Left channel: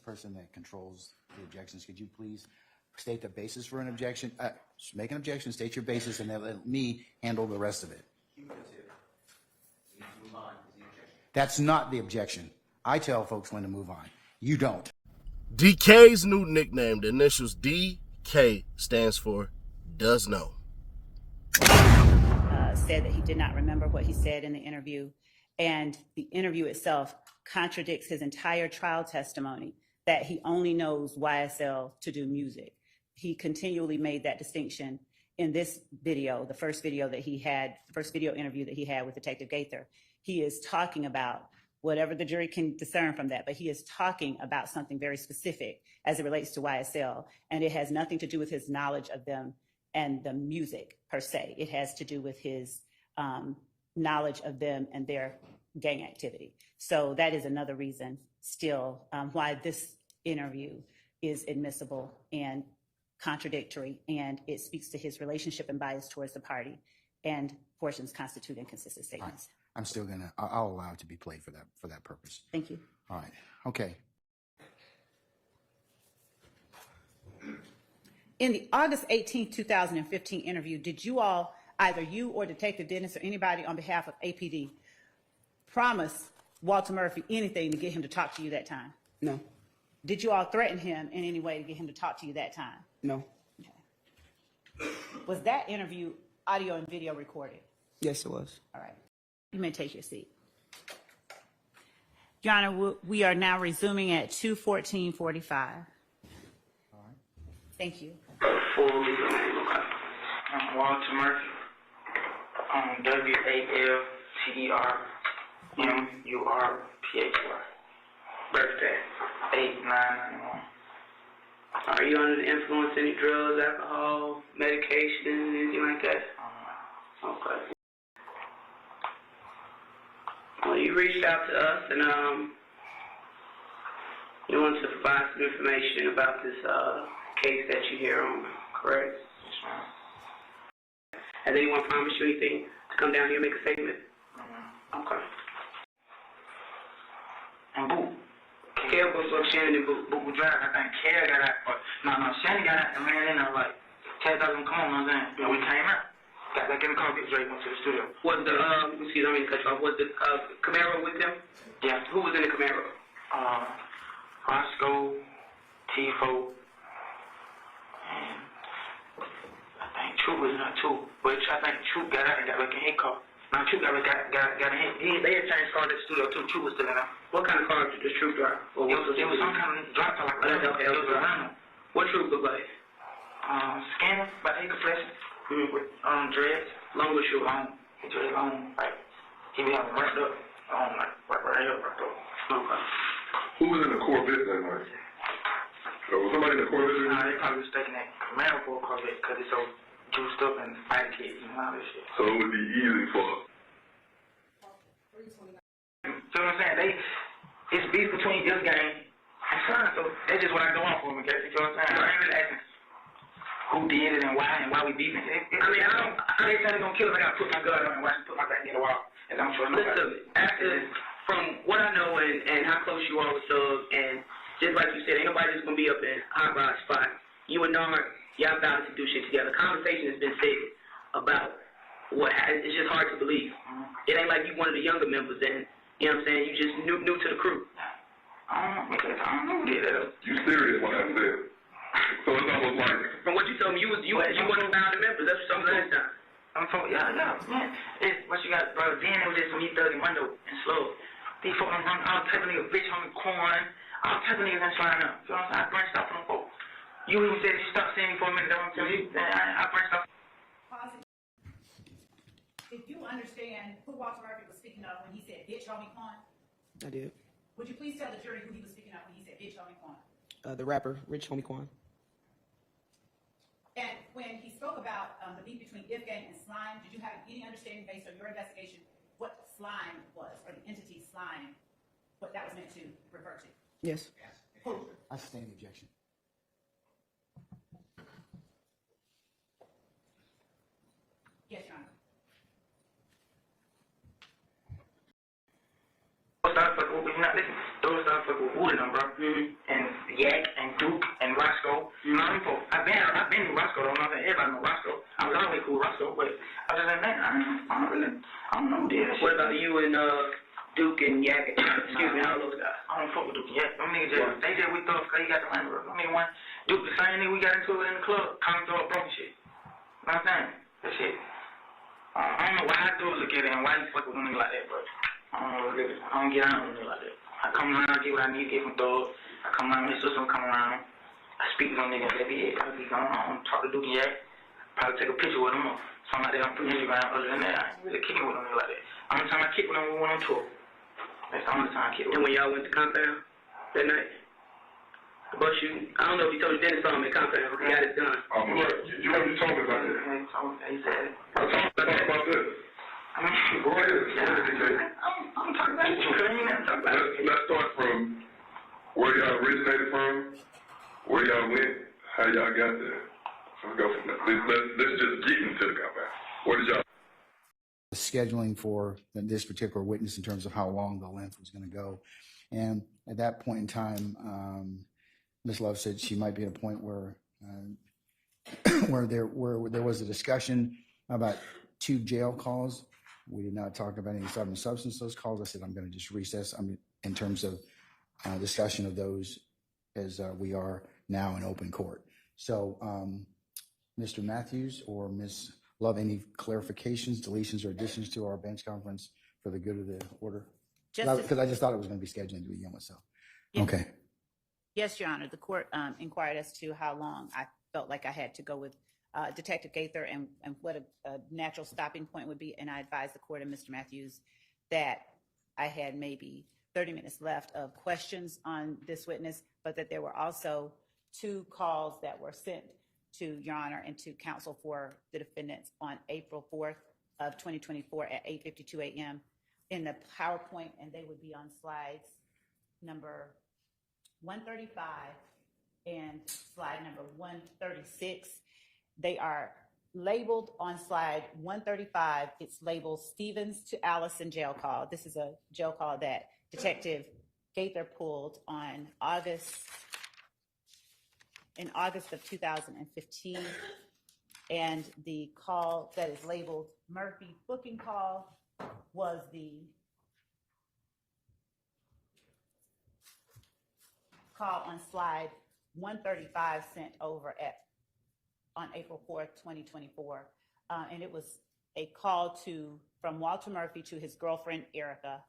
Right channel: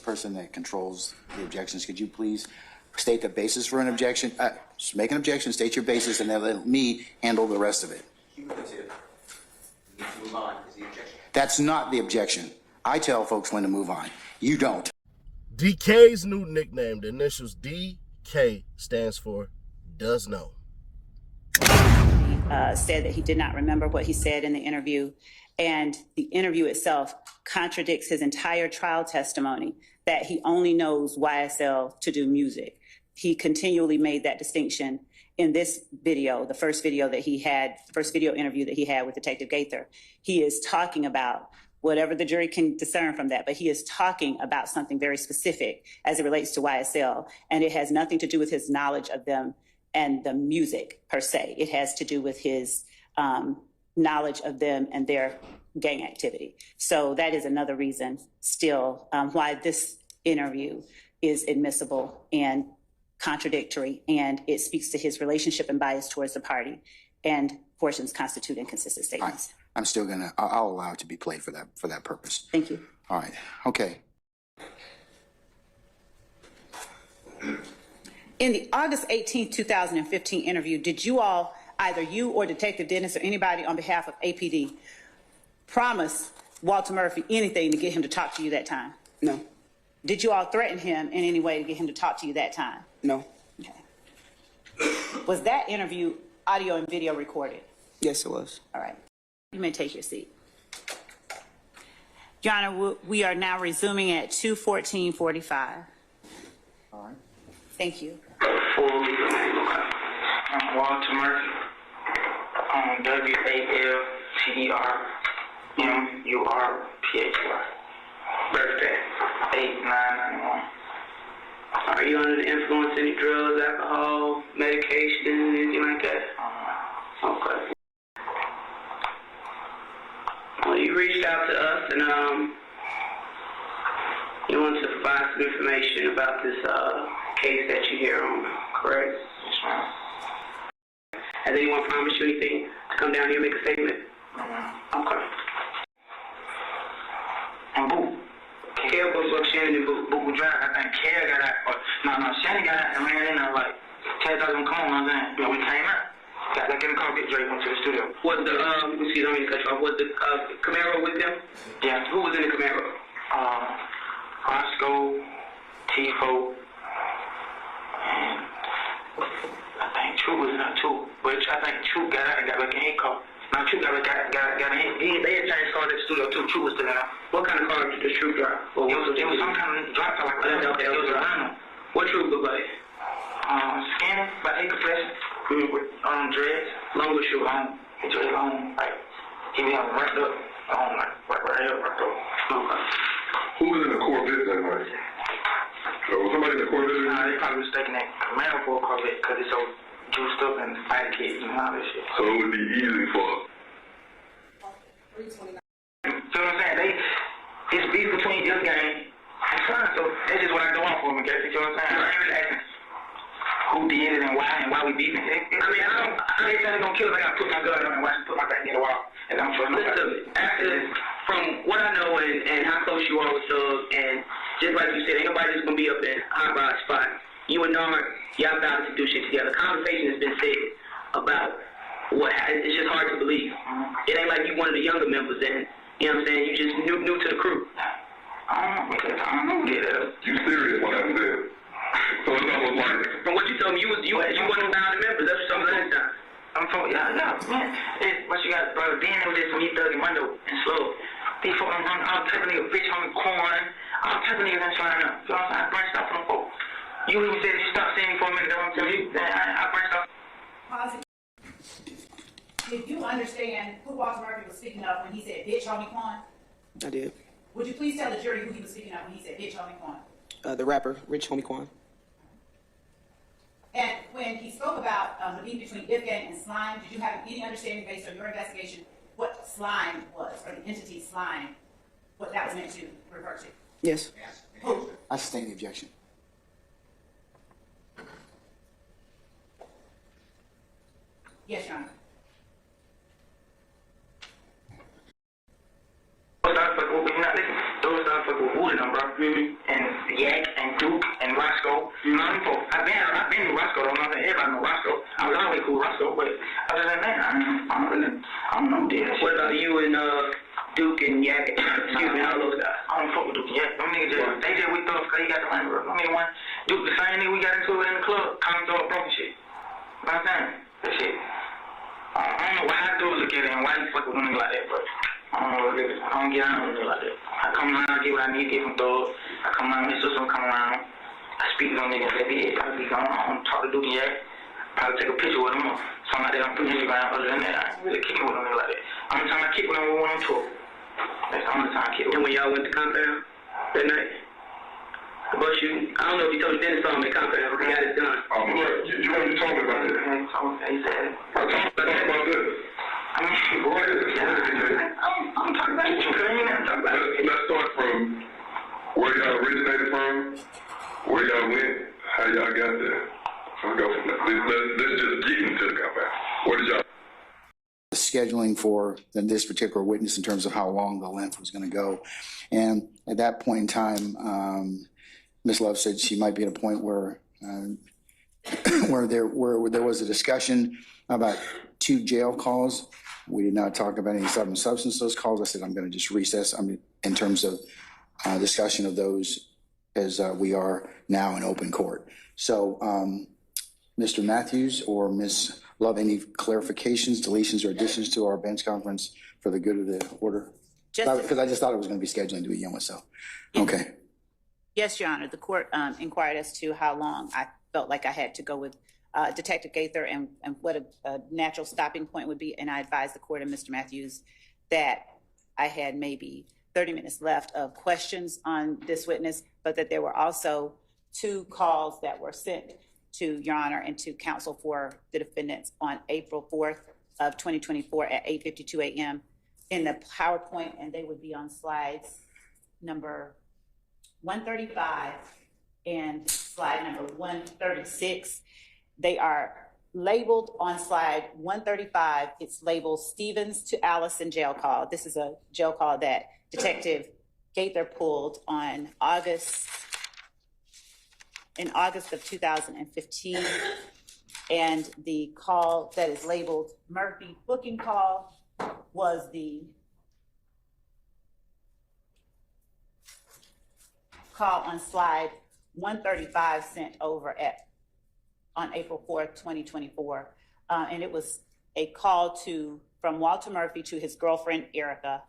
person that controls the objections, could you please state the basis for an objection? Just make an objection, state your basis, and then let me handle the rest of it. That's not the objection. I tell folks when to move on. You don't. DK's new nickname, the initials DK, stands for does know. Said that he did not remember what he said in the interview, and the interview itself contradicts his entire trial testimony that he only knows YSL to do music. He continually made that distinction in this video, the first video that he had, the first video interview that he had with Detective Gaither. He is talking about whatever the jury can discern from that, but he is talking about something very specific as it relates to YSL, and it has nothing to do with his knowledge of them and the music per se. It has to do with his knowledge of them and their gang activity. So that is another reason still why this interview is admissible and contradictory, and it speaks to his relationship and bias towards the party, and portions constitute inconsistent statements. Right. I'm still gonna, I'll allow it to be played for that purpose. Thank you. All right, okay. In the August 18th, 2015 interview, did you all, either you or Detective Dennis or anybody on behalf of APD, promise Walter Murphy anything to get him to talk to you that time? No. Did you all threaten him in any way to get him to talk to you that time? No. Okay. Was that interview audio and video recorded? Yes, it was. All right. You may take your seat. Your Honor, we are now resuming at 2:14:45. All right. Thank you. Full legal name, okay. I'm Walter Murphy. WALTERMURPHY. Birthday, 8/9/91. Are you under the influence of any drugs, alcohol, medication, anything like that? Okay. Well, you reached out to us and you wanted to provide some information about this case that you hear on, correct? Yes, ma'am. Has anyone promised you anything to come down here and make a statement? Okay. And Boo. Kel goes up Shannon and Boo Drive. I think Kel got out. No, Shannon got out and ran in there like, Kel doesn't come on, I'm saying. But we came out. Got that getting called, get Drake went to the studio. Was the, excuse me, I mean to cut you off. Was the Camaro with them? Yeah. Who was in the Camaro? Roscoe, Tifo, and I think True was in there too. But I think True got out and got back in his car. Now True got in. They had changed car to the studio too. True was still in there. What kind of car did the True drive? It was some kind of drop top like that. Okay, it was a Rhino. What True look like? Skinny, about 8 complexion. With dreads, long or short? Long. He dread long, like he be having right up, like right here, right there. Okay. Who was in the Corvette that night? Was somebody in the Corvette? Nah, they probably mistaken that Camaro for a Corvette because it's so juiced up and fighting kids and all this shit. So it would be easy for. See what I'm saying? It's beef between this gang and Son, so that's just what I go on for them, okay? You know what I'm saying? I ain't really asking who did it and why we beefing. I ain't saying they're gonna kill us. I gotta put my gun on and watch put my back in the wall. And I'm sure nobody. From what I know and how close you are with Doug, and just like you said, ain't nobody just gonna be up in hot rod spot. You and Nard, y'all about to do shit together. Conversation has been said about what it's just hard to believe. It ain't like you one of the younger members and you know what I'm saying, you just new to the crew. I don't know who did that. You serious when I said? So it's almost like. From what you told me, you one of the founding members. That's what something last time. I'm talking, yeah, man. What you got, bro? Then it was just me, Doug, and Rondo, and Slow. Before I'm running, all type of niggas, bitch, homie, corn, all type of niggas that's flying up. You know what I'm saying? I branched out from them folks. You even said you stopped seeing me for a minute. That's what I'm telling you. I branched out. Did you understand who Walter Murphy was speaking of when he said, bitch, homie, Quan? I did. Would you please tell the jury who he was speaking of when he said, bitch, homie, Quan? The rapper, Rich Homie Quan. And when he spoke about the beef between Ifgang and Slime, did you have any understanding based on your investigation what Slime was, or the entity Slime, what that was meant to refer to? Yes. Who? I sustain the objection. Yes, Your Honor. Those not fucking with me, not listening. Those not fucking with Wooded, bro. And Yak and Duke and Roscoe. You know them folks. I've been to Roscoe. I don't know if everybody know Roscoe. I was always cool with Roscoe, but other than that, I don't know. What about you and Duke and Yak? Excuse me, all those guys. I don't fuck with Duke and Yak. Them niggas they just with us because he got the money. I mean, one Duke, the same nigga we got into it in the club, coming to a broken shit. You know what I'm saying? That shit. I don't know why I do look at it and why you fuck with a nigga like that, but I don't know what it is. I don't get out with a nigga like that. I come around, I get what I need to get from thugs. I come around, his sister come around. I speak to them niggas, that be it. I be going on, talk to Duke and Yak. Probably take a picture with them or something like that on Instagram. Other than that, I ain't really kicking with them niggas like that. Only time I kick with them, we went on tour. That's the only time I kick with them. And when y'all went to compound that night? But I don't know if you told Dennis on the compound, but he got it done. You told me about that. He said it. I talked about this. I mean, Go ahead. I'm talking about you. Let's start from where y'all originated from, where y'all went, how y'all got there. Let's go from that. Let's just get into the compound. What did y'all? Scheduling for this particular witness in terms of how long the length was going to go. And at that point in time, Ms. Love said she might be at a point where there was a discussion about 2 jail calls. We did not talk about any substance those calls. I said I'm going to just recess in terms of discussion of those as we are now in open court. So Mr. Matthews or Ms. Love, any clarifications, deletions, or additions to our bench conference for the good of the order? Because I just thought it was going to be scheduling to begin with, so. Okay. Yes, Your Honor. The court inquired as to how long I felt like I had to go with Detective Gaither and what a natural stopping point would be. And I advised the court and Mr. Matthews that I had maybe 30 minutes left of questions on this witness, but that there were also 2 calls that were sent to Your Honor and to counsel for the defendants on April 4th of 2024 at 8:52 a.m. in the PowerPoint, and they would be on slides number 135 and slide number 136. They are labeled on slide 135. It's labeled Stevens to Allison jail call. This is a jail call that Detective Gaither pulled on in August of 2015. And the call that is labeled Murphy booking call was the call on slide 135 sent over on April 4th, 2024. And it was a call from Walter Murphy to his girlfriend, Erica,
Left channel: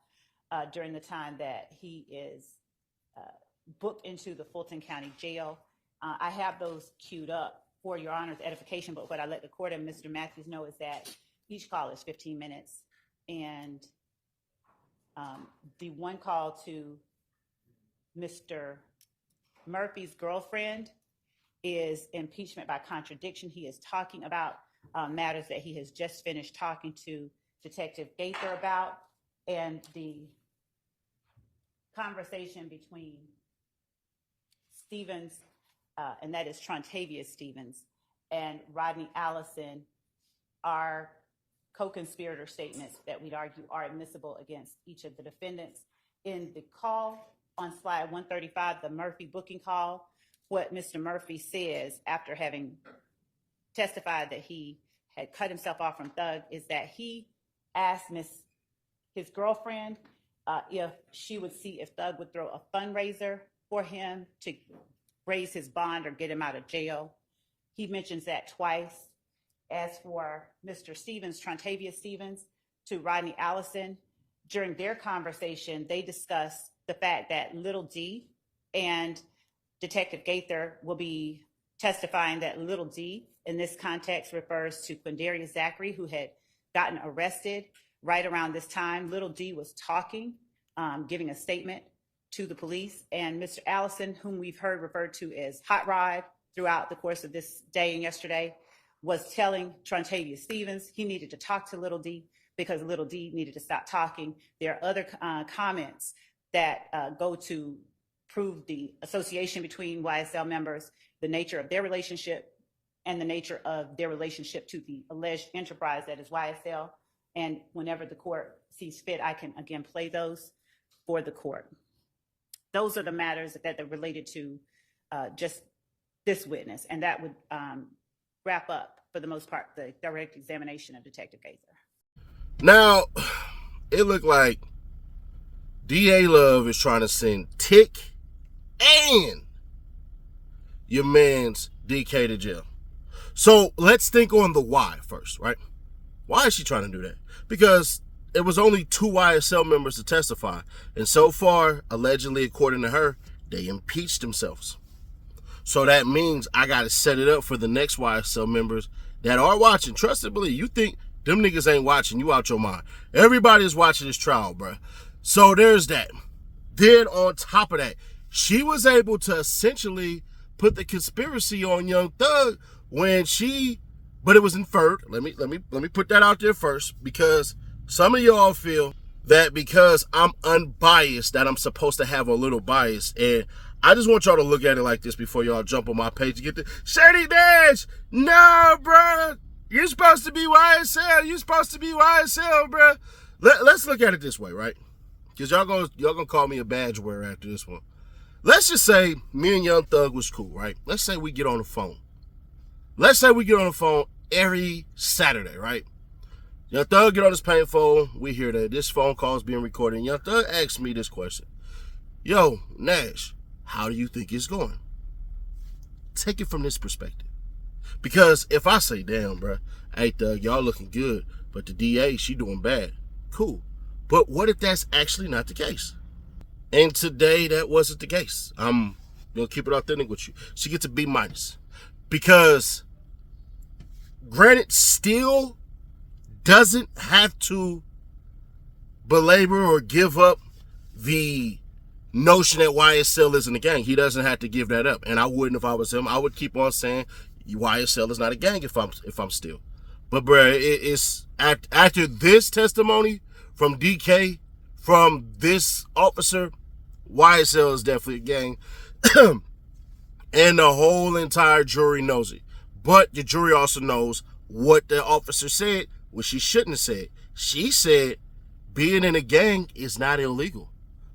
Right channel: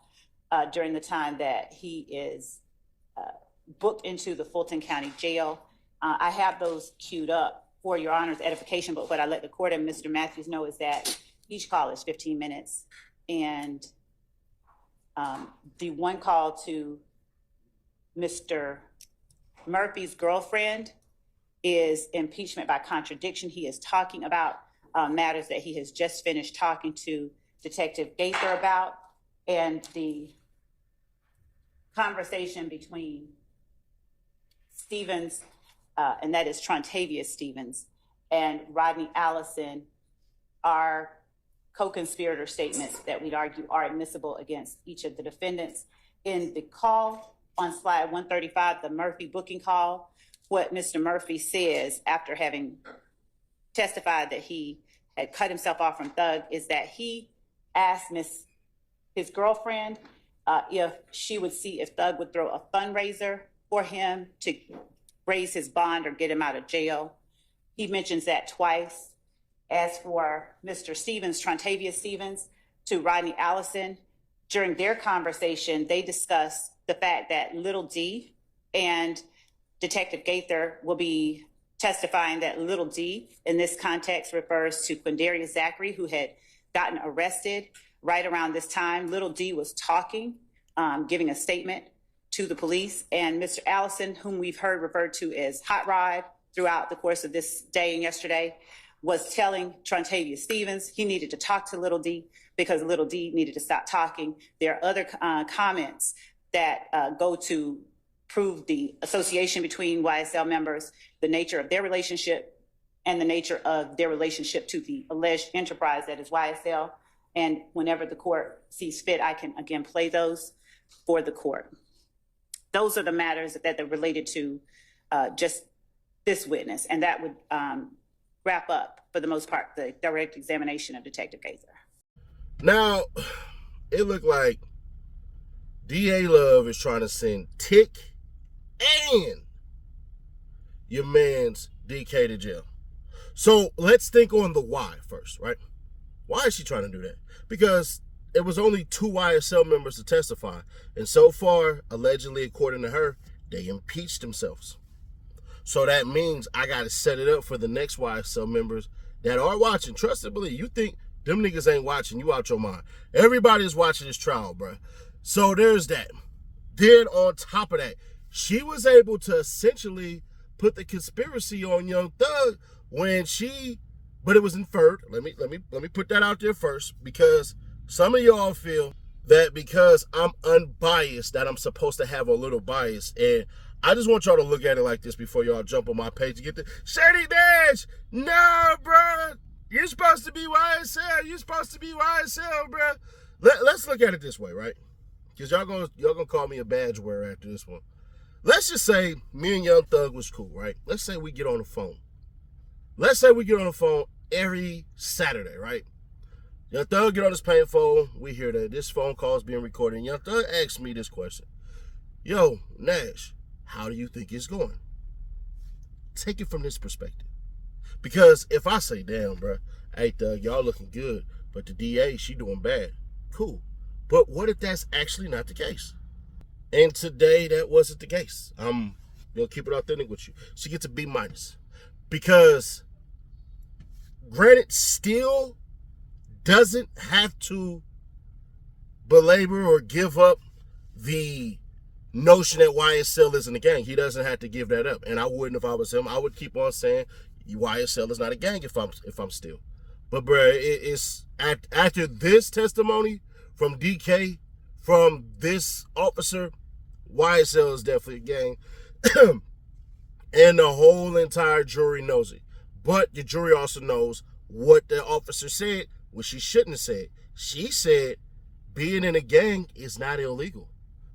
during the time that he is booked into the Fulton County Jail. I have those queued up for Your Honor's edification, but what I let the court and Mr. Matthews know is that each call is 15 minutes. And the one call to Mr. Murphy's girlfriend is impeachment by contradiction. He is talking about matters that he has just finished talking to Detective Gaither about, and the conversation between Stevens, and that is Trontavious Stevens, and Rodney Allison are co-conspirator statements that we'd argue are admissible against each of the defendants. In the call on slide 135, the Murphy booking call, what Mr. Murphy says after having testified that he had cut himself off from Thug is that he asked his girlfriend if she would see if Thug would throw a fundraiser for him to raise his bond or get him out of jail. He mentions that twice. As for Mr. Stevens, Trontavious Stevens, to Rodney Allison, during their conversation, they discussed the fact that Little D and Detective Gaither will be testifying that Little D in this context refers to Quindarius Zachary, who had gotten arrested right around this time. Little D was talking, giving a statement to the police, and Mr. Allison, whom we've heard referred to as Hot Rod throughout the course of this day and yesterday, was telling Trontavious Stevens he needed to talk to Little D because Little D needed to stop talking. There are other comments that go to prove the association between YSL members, the nature of their relationship, and the nature of their relationship to the alleged enterprise that is YSL. And whenever the court sees fit, I can again play those for the court. those are the matters that are related to just this witness. And that would wrap up, for the most part, the direct examination of Detective Gaither. Now, it looked like DA Love is trying to send Tick and your man's DK to jail. So let's think on the why first, right? Why is she trying to do that? Because it was only 2 YSL members to testify. And so far, allegedly, according to her, they impeached themselves. So that means I got to set it up for the next YSL members that are watching. Trust and believe. You think them niggas ain't watching, you out your mind. Everybody is watching this trial, bro. So there's that. Then on top of that, she was able to essentially put the conspiracy on Young Thug when she, but it was inferred. Let me put that out there first, because some of y'all feel that because I'm unbiased that I'm supposed to have a little bias. And I just want y'all to look at it like this before y'all jump on my page to get the Shady Dash. No, bro. You're supposed to be YSL. You're supposed to be YSL, bro. Let's look at it this way, right? Because y'all gonna call me a badge wearer after this one. Let's just say me and Young Thug was cool, right? Let's say we get on the phone. Let's say we get on the phone every Saturday, right? Young Thug get on his paying phone. We hear that this phone call is being recorded. And Young Thug asks me this question. Yo, Nash, how do you think it's going? Take it from this perspective. Because if I say, damn, bro, hey, Thug, y'all looking good, but the DA, she doing bad. Cool. But what if that's actually not the case? And today, that wasn't the case. I'm going to keep it authentic with you. She gets a B-. Because, granted, still doesn't have to belabor or give up the notion that YSL isn't a gang. He doesn't have to give that up. And I wouldn't if I was him. I would keep on saying YSL is not a gang if I'm still. But, bruh, it's after this testimony from DK, from this officer, YSL is definitely a gang. And the whole entire jury knows it. But the jury also knows what the officer said, which she shouldn't have said. She said being in a gang is not illegal,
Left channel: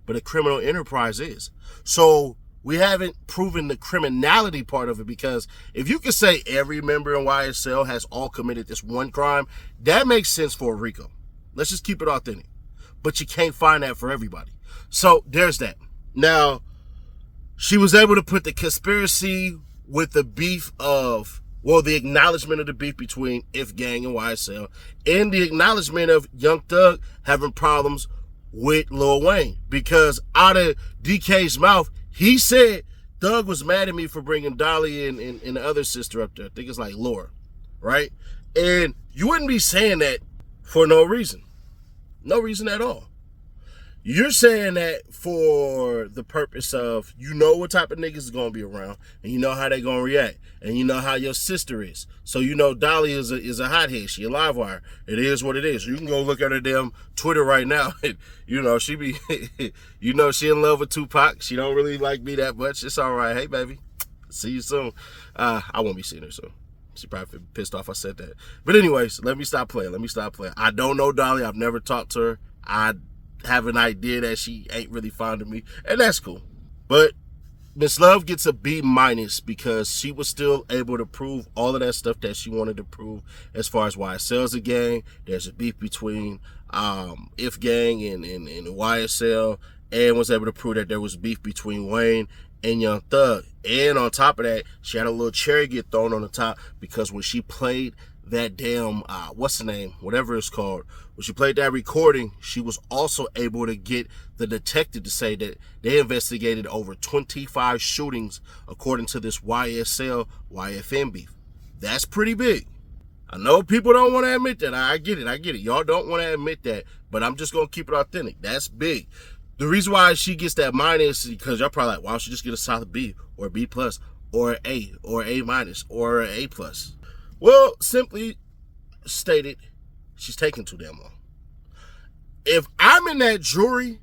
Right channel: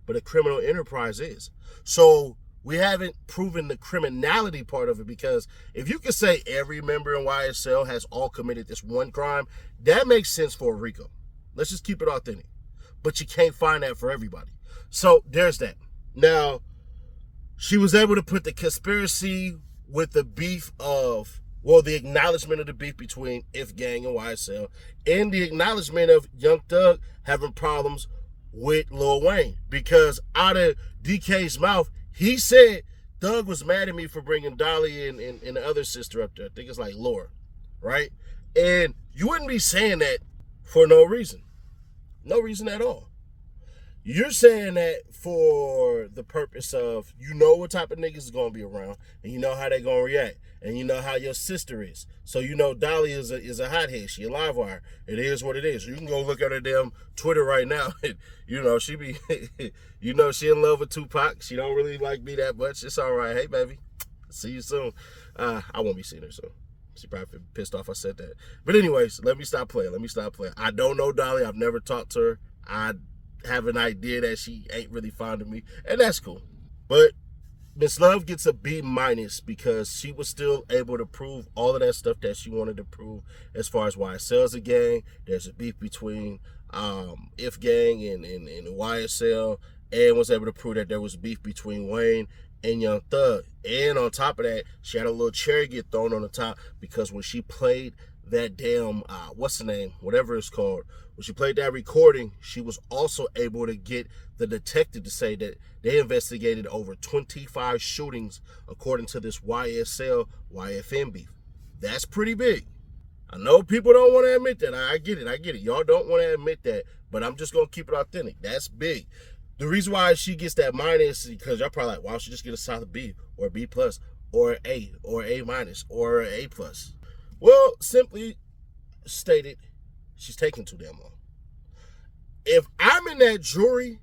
but a criminal enterprise is. So we haven't proven the criminality part of it, because if you could say every member in YSL has all committed this one crime, that makes sense for a RICO. Let's just keep it authentic. But you can't find that for everybody. So there's that. Now, she was able to put the conspiracy with the beef of, well, the acknowledgement of the beef between If Gang and YSL, and the acknowledgement of Young Thug having problems with Lil Wayne. Because out of DK's mouth, he said Thug was mad at me for bringing Dolly and the other sister up there. I think it's like Laura, right? And you wouldn't be saying that for no reason. No reason at all. You're saying that for the purpose of, you know what type of niggas is going to be around, and you know how they going to react, and you know how your sister is. So you know Dolly is a hothead. She a live wire. It is what it is. You can go look at her damn Twitter right now. And, you know, she be, you know, she in love with Tupac. She don't really like me that much. It's all right. Hey, baby. See you soon. I won't be seeing her soon. She probably pissed off I said that. But anyways, let me stop playing. I don't know Dolly. I've never talked to her. I have an idea that she ain't really fond of me, and that's cool. But Miss Love gets a B- because she was still able to prove all of that stuff that she wanted to prove as far as YSL's a gang. There's a beef between If Gang and YSL, and was able to prove that there was beef between Wayne and Young Thug. And on top of that, she had a little cherry get thrown on the top, because when she played that damn, what's the name? Whatever it's called. When she played that recording, she was also able to get the detective to say that they investigated over 25 shootings according to this YSL YFN beef. That's pretty big. I know people don't want to admit that. I get it. Y'all don't want to admit that, but I'm just going to keep it authentic. That's big. The reason why she gets that minus is because y'all probably like, why don't she just get a solid B or B plus or A or A minus or A plus? Well, simply stated, she's taking too damn long. If I'm in that jury,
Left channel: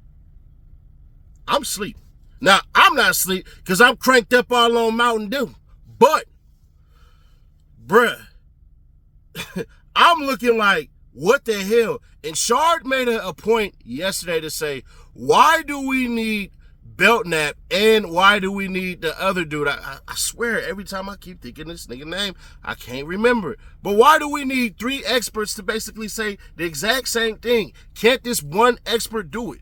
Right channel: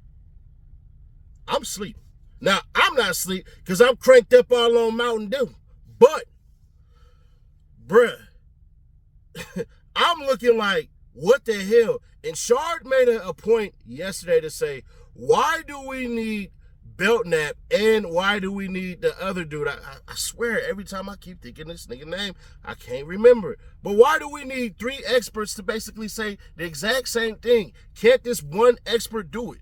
I'm asleep. Now, I'm not asleep because I'm cranked up all on Mountain Dew. But, bruh, I'm looking like, what the hell? And Shard made a point yesterday to say, why do we need belt nap, and why do we need the other dude? I swear, every time I keep thinking this nigga name, I can't remember it. But why do we need 3 experts to basically say the exact same thing? Can't this one expert do it?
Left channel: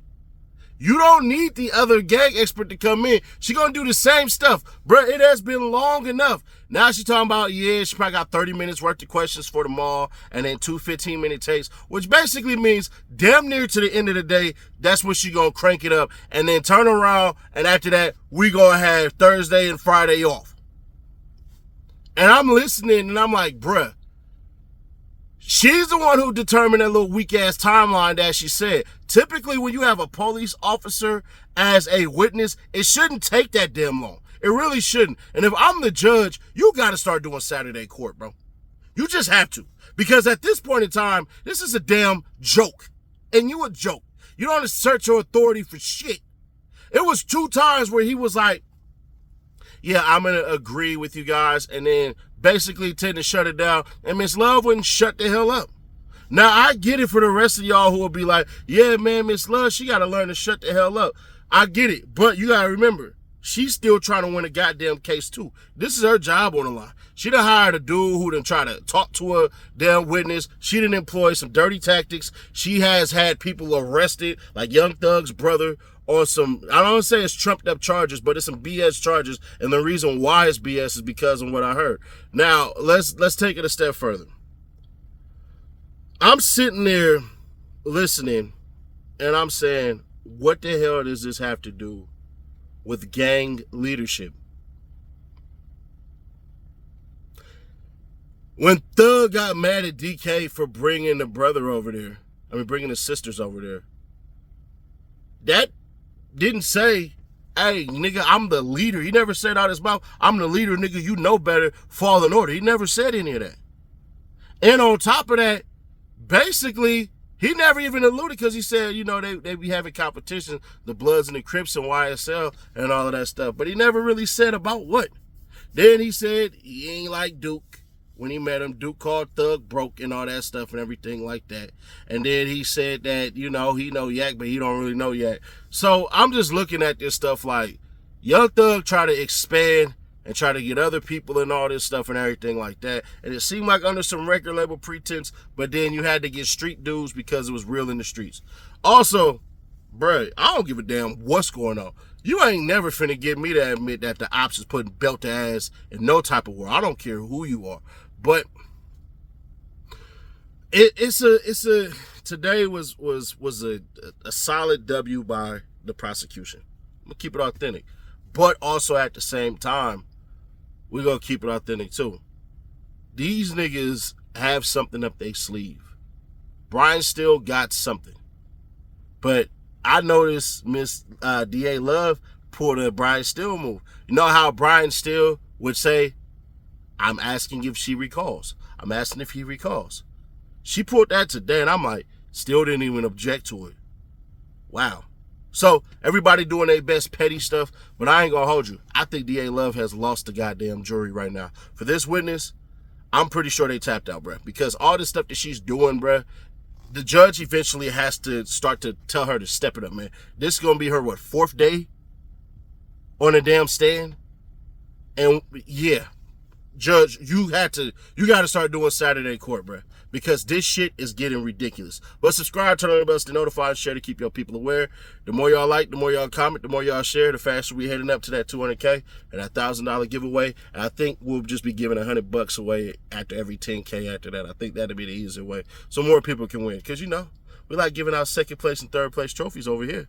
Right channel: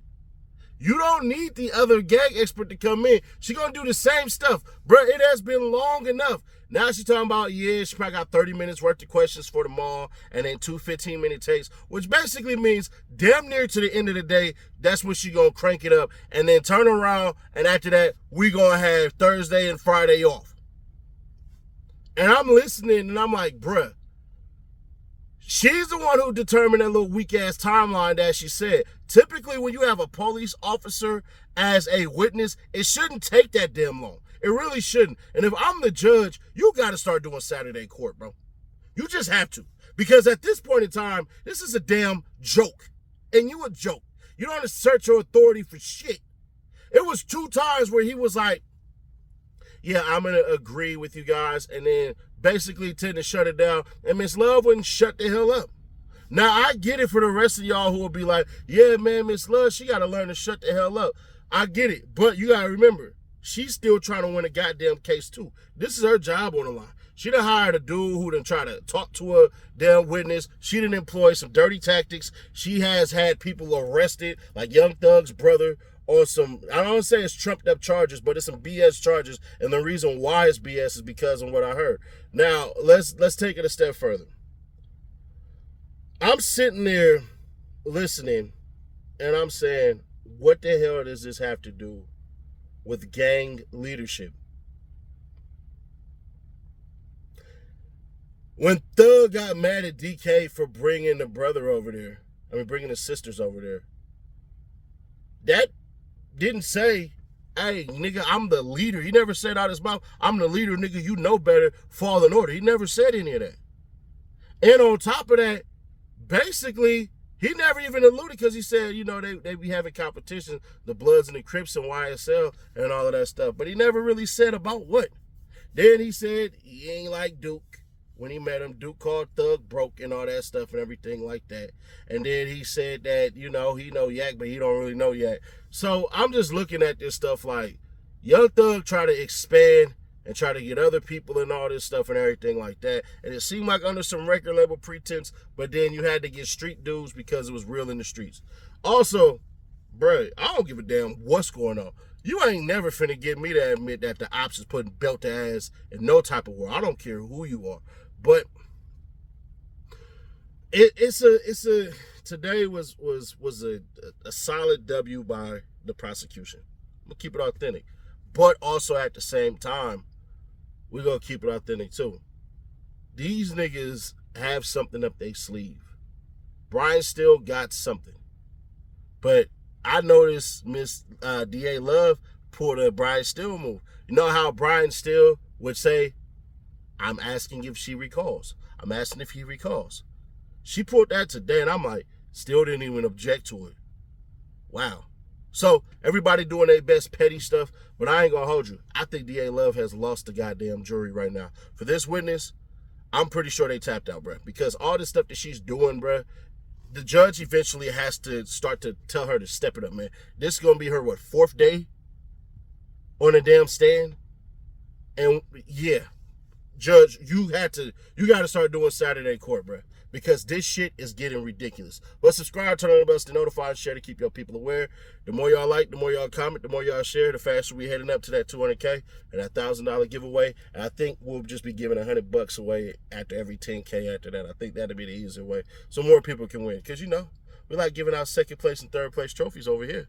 You don't need the other gang expert to come in. She gonna do the same stuff. Bruh, it has been long enough. Now she talking about, yeah, she probably got 30 minutes worth of questions for them all, and then 2 15-minute takes, which basically means damn near to the end of the day, that's when she gonna crank it up, and then turn around, and after that, we gonna have Thursday and Friday off. And I'm listening, and I'm like, bruh, she's the one who determined that little weak-ass timeline that she said. Typically, when you have a police officer as a witness, it shouldn't take that damn long. It really shouldn't. And if I'm the judge, you got to start doing Saturday court, bro. You just have to. Because at this point in time, this is a damn joke. And you a joke. You don't assert your authority for shit. It was 2 times where he was like, yeah, I'm going to agree with you guys, and then basically tend to shut it down, and Miss Love wouldn't shut the hell up. Now, I get it for the rest of y'all who will be like, yeah, man, Miss Love, she got to learn to shut the hell up. I get it, but you got to remember, she's still trying to win a goddamn case, too. This is her job on the line. She done hired a dude who done try to talk to a damn witness. She done employ some dirty tactics. She has had people arrested, like Young Thug's brother, on some, I don't say it's trumped up charges, but it's some BS charges, and the reason why it's BS is because of what I heard. Now, let's take it a step further. I'm sitting there listening, and I'm saying, what the hell does this have to do with gang leadership? When Thug got mad at DK for bringing the brother over there, bringing the sisters over there, that didn't say, hey, nigga, I'm the leader. He never said out his mouth, I'm the leader, nigga, you know better, fall in order. He never said any of that. And on top of that, basically, he never even alluded, because he said, you know, they be having competition, the Bloods and the Crips and YSL and all of that stuff. But he never really said about what. Then he said he ain't like Duke. When he met him, Duke called Thug broke and all that stuff and everything like that. And then he said that, you know, he know Yak, but he don't really know Yak. So I'm just looking at this stuff like, Young Thug try to expand and try to get other people and all this stuff and everything like that. And it seemed like under some record label pretense, but then you had to get street dudes because it was real in the streets. Also, bruh, I don't give a damn what's going on. You ain't never finna get me to admit that the ops is putting belt to ass in no type of war. I don't care who you are. But today was a solid W by the prosecution. I'm gonna keep it authentic. But also at the same time, we're gonna keep it authentic too. These niggas have something up their sleeve. Brian still got something. But I noticed Miss D.A. Love pulled a Brian Steele move. You know how Brian Steele would say, I'm asking if she recalls. I'm asking if he recalls. She pulled that today, and I'm like, still didn't even object to it. Wow. So, everybody doing their best petty stuff, but I ain't gonna hold you. I think D.A. Love has lost the goddamn jury right now. For this witness, I'm pretty sure they tapped out, bruh. Because all this stuff that she's doing, bruh, the judge eventually has to start to tell her to step it up, man. This is gonna be her, 4th day on a damn stand? And, yeah. Judge, you got to start doing Saturday court, bruh, because this shit is getting ridiculous. But subscribe, turn on the bells to notify, and share to keep your people aware. The more y'all like, the more y'all comment, the more y'all share, the faster we heading up to that 200K and that $1,000 giveaway. And I think we'll just be giving $100 away after every 10K after that. I think that'll be the easier way, so more people can win. Because, you know, we like giving out 2nd place and 3rd place trophies over here.